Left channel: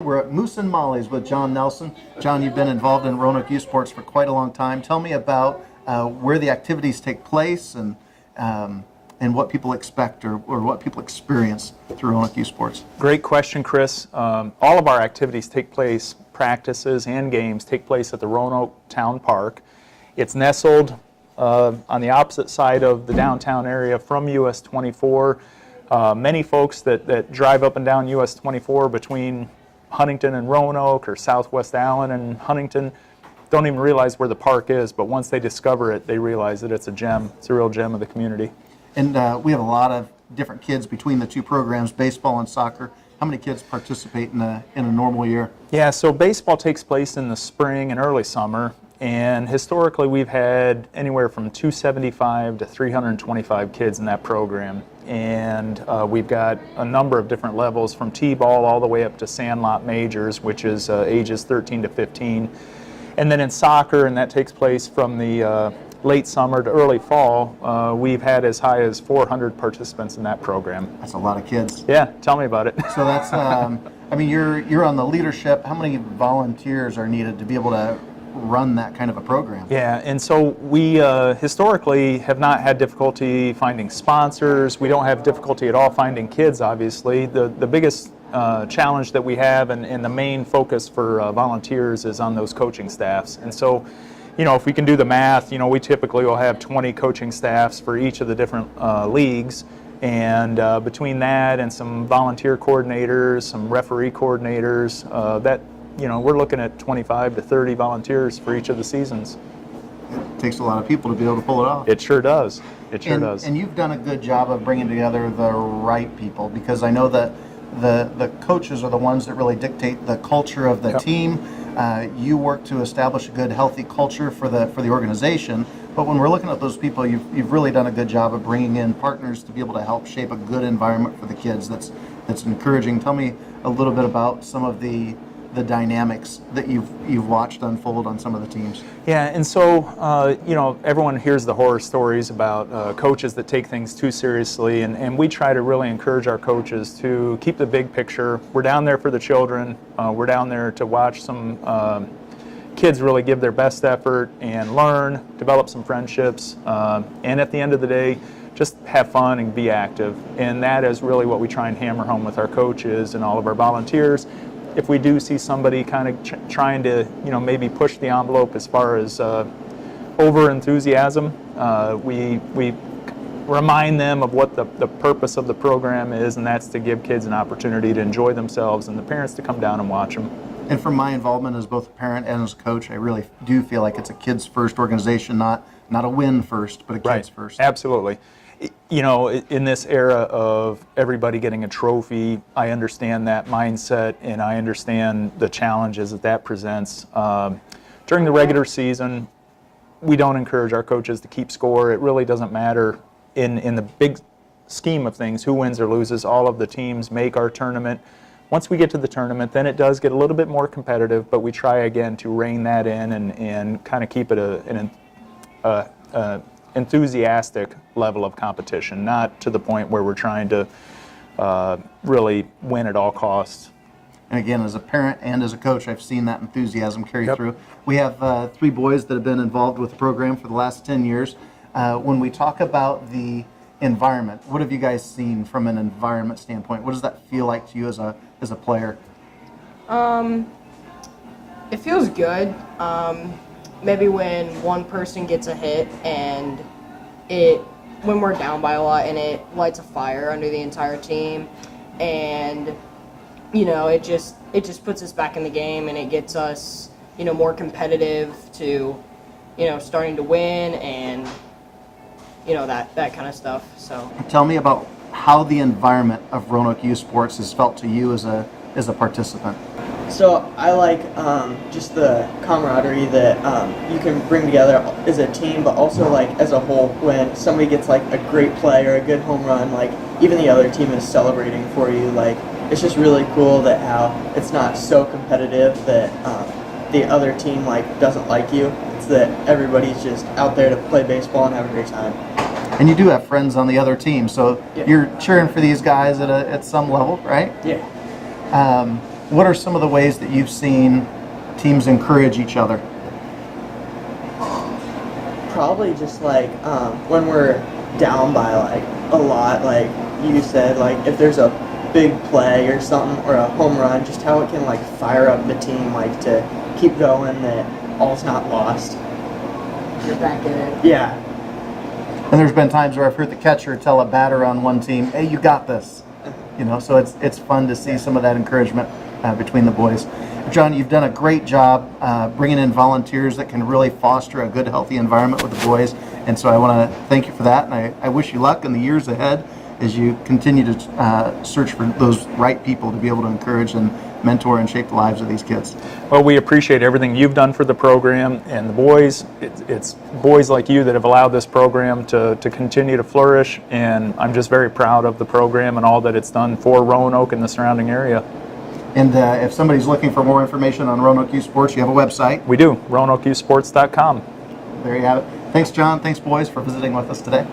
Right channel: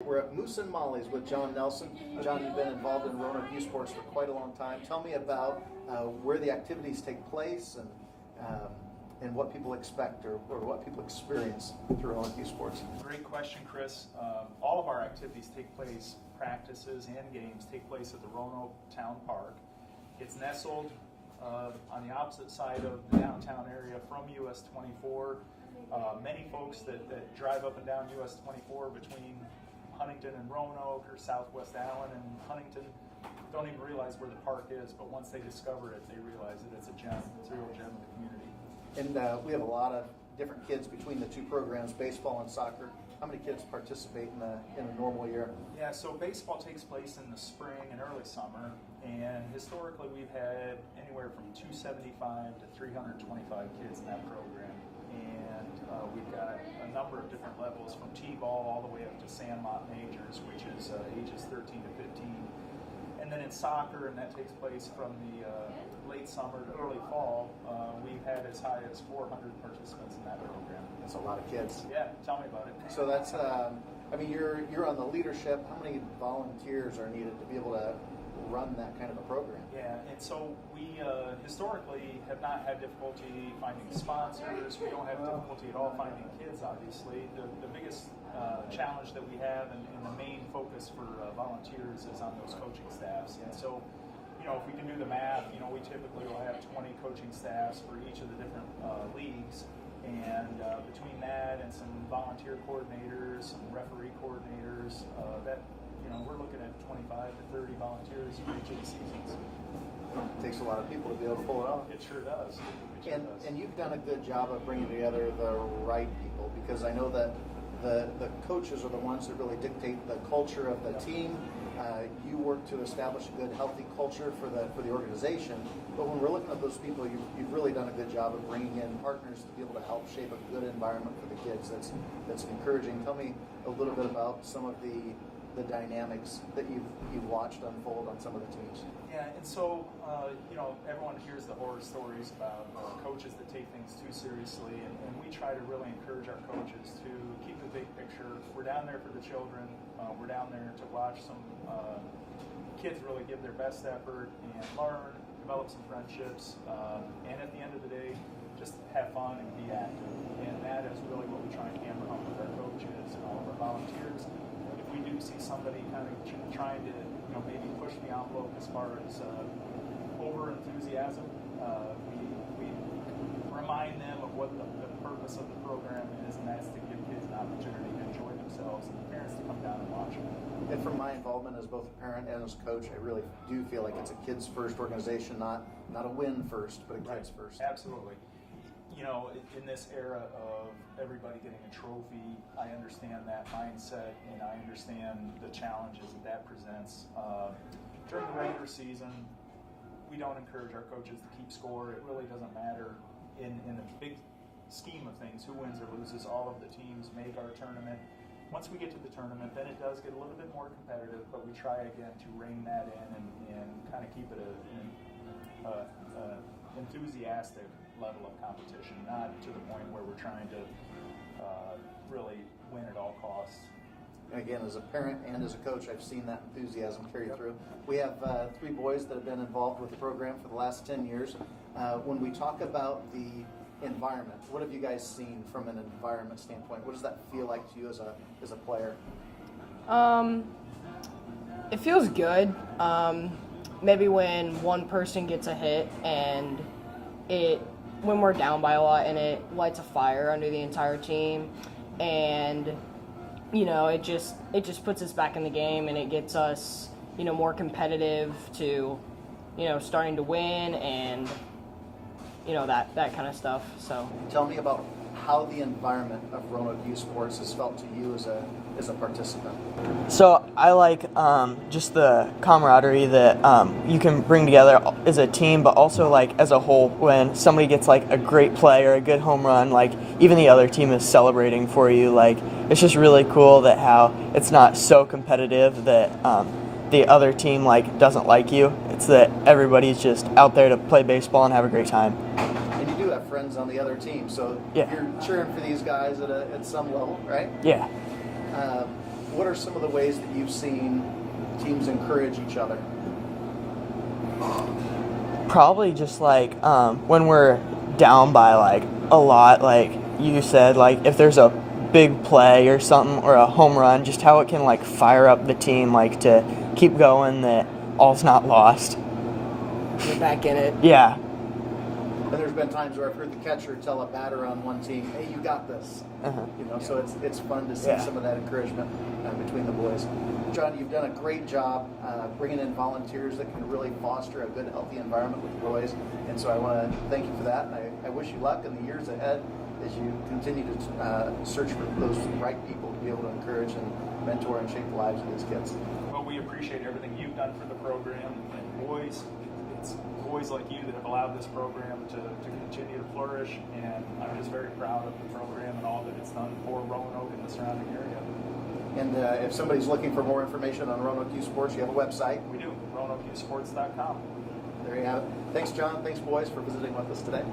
We're at Moose and Molly's with John Nelson. John, you've been involved in Roanoke Youth Sports for quite a long time. Tell me about where the activities take place and what people expect or what people experience through Roanoke Youth Sports. Great question, Chris. All of our activities take place, practices and games take place at the Roanoke Town Park. It's nestled on the opposite side of the downtown area from US 24. Many folks that drive up and down US 24 between Huntington and Roanoke or Southwest Allen and Huntington don't even realize where the park is, but once they discover it, they realize that it's a gem. It's a real gem of the community. And we have a lot of different kids between the two programs, baseball and soccer. How many kids participate in a normal year? Yeah, so baseball takes place in the spring and early summer, and historically we've had anywhere from 275 to 325 kids in that program. And we've got a number of different levels from T-ball all the way up to sandlot majors, which is ages 13 to 15. And then in soccer, and that takes place from the late summer to early fall, we've had as high as 400 participants in that program. That's a lot of kids. Yeah, tell me about it. So that's, I mean, you're on the leadership. How many volunteers are needed to be able to run that kind of a program? Yeah, and so we historically have not had difficulty finding sponsors. We don't have difficulty at all finding kids, obviously. The biggest challenge that we have and the main focus for volunteers is on those coaching staffs. And so, you know, if we can do the math, you know, we typically will have 20 coaching staffs for each of the different leagues. And between that and some volunteer coordinators, some referee coordinators, you know, we're looking at 25 to 30 volunteers for each of the seasons. It takes a lot of people to be able to pull it off. It sure does. It sure does. And you've done a good job of bringing together the right people, because I know that the coaches are the ones that really dictate the culture of the team. You work to establish a good, healthy culture for the organization. But when we're looking at those people, you've really done a good job of bringing in partners to be able to help shape a good environment for the kids. That's encouraging. Tell me a little bit about some of the dynamics that you've watched unfold on some of the teams. Yeah, and so you know, everyone hears the horror stories about coaches that take things too seriously, and we try to really encourage our coaches to keep the big picture. We're down there for the children. We're down there to watch some kids really give their best effort and learn, develop some friendships, and at the end of the day, just have fun and be active. And that is really what we try and hammer home with our coaches and all of our volunteers. If we do see somebody kind of trying to, you know, maybe push the envelope as far as over enthusiasm, we remind them of what the purpose of the program is, and that's to give kids an opportunity to enjoy themselves and the parents to come down and watch them. And from my involvement as both a parent and as a coach, I really do feel like it's a kids first organization, not a win first, but a kids first. Absolutely. You know, in this era of everybody getting a trophy, I understand that mindset, and I understand the challenges that presents. During the regular season, we don't encourage our coaches to keep score. It really doesn't matter in the big scheme of things who wins or loses. All of the teams make our tournament. Once we get to the tournament, then it does get a little bit more competitive, but we try again to rein that in and kind of keep it an enthusiastic level of competition, not to the point where we're trying to really win at all costs. And again, as a parent and as a coach, I've seen that enthusiasm carry through. We have 3 boys that have been involved with the program for the last 10 years. When we talk about the environment, what have you guys seen from an environment standpoint? What does that feel like to you as a player? It feels good. Maybe when one person gets a hit and when we're down by a lot, and it lights a fire under the entire team, and you know, it just puts us back in the game, and it gets us, you know, more competitive to, you know, starting to win, and you know, that kind of stuff. So tell me about how the environment of Roanoke Youth Sports has felt to you as a participant. So I like just the camaraderie that you can bring together as a team, but also like as a whole. When somebody gets like a great play or a good home run, like even the other team is celebrating for you. Like it's just really cool that how it's not so competitive that the other team like doesn't like you. It's that everybody's just out there to play baseball and have a great time. And you do have friends on the other team, so Yeah. you're cheering for these guys at some level, right? Yeah. what are some of the ways that you've seen teams encourage each other? Probably just like when we're down by like a lot, like you said, like if there's a big play or something or a home run, just how it can like fire up the team, like to keep going, that all's not lost. Get back in it. Yeah. And there's been times where I've heard the catcher tell a batter on one team, "Hey, you got this." You know, so it's fun to see some of that encouragement between the boys. John, you've done a great job bringing in volunteers that can really foster a good, healthy environment with the boys. And so I want to thank you for that. And I wish you luck in the years ahead as you continue to search for those right people to be able to encourage and mentor and shape the lives of these kids. Well, we appreciate everything you've done for the program and the boys. It's boys like you that have allowed this program to continue to flourish, and I'm just very proud of the program and all that it's done for Roanoke and the surrounding area. And if somebody's looking for more information on Roanoke Youth Sports, you have a website. We do, RoanokeYouthSports.com. There you have it. Thanks, John. Thanks, boys, for visiting with us today.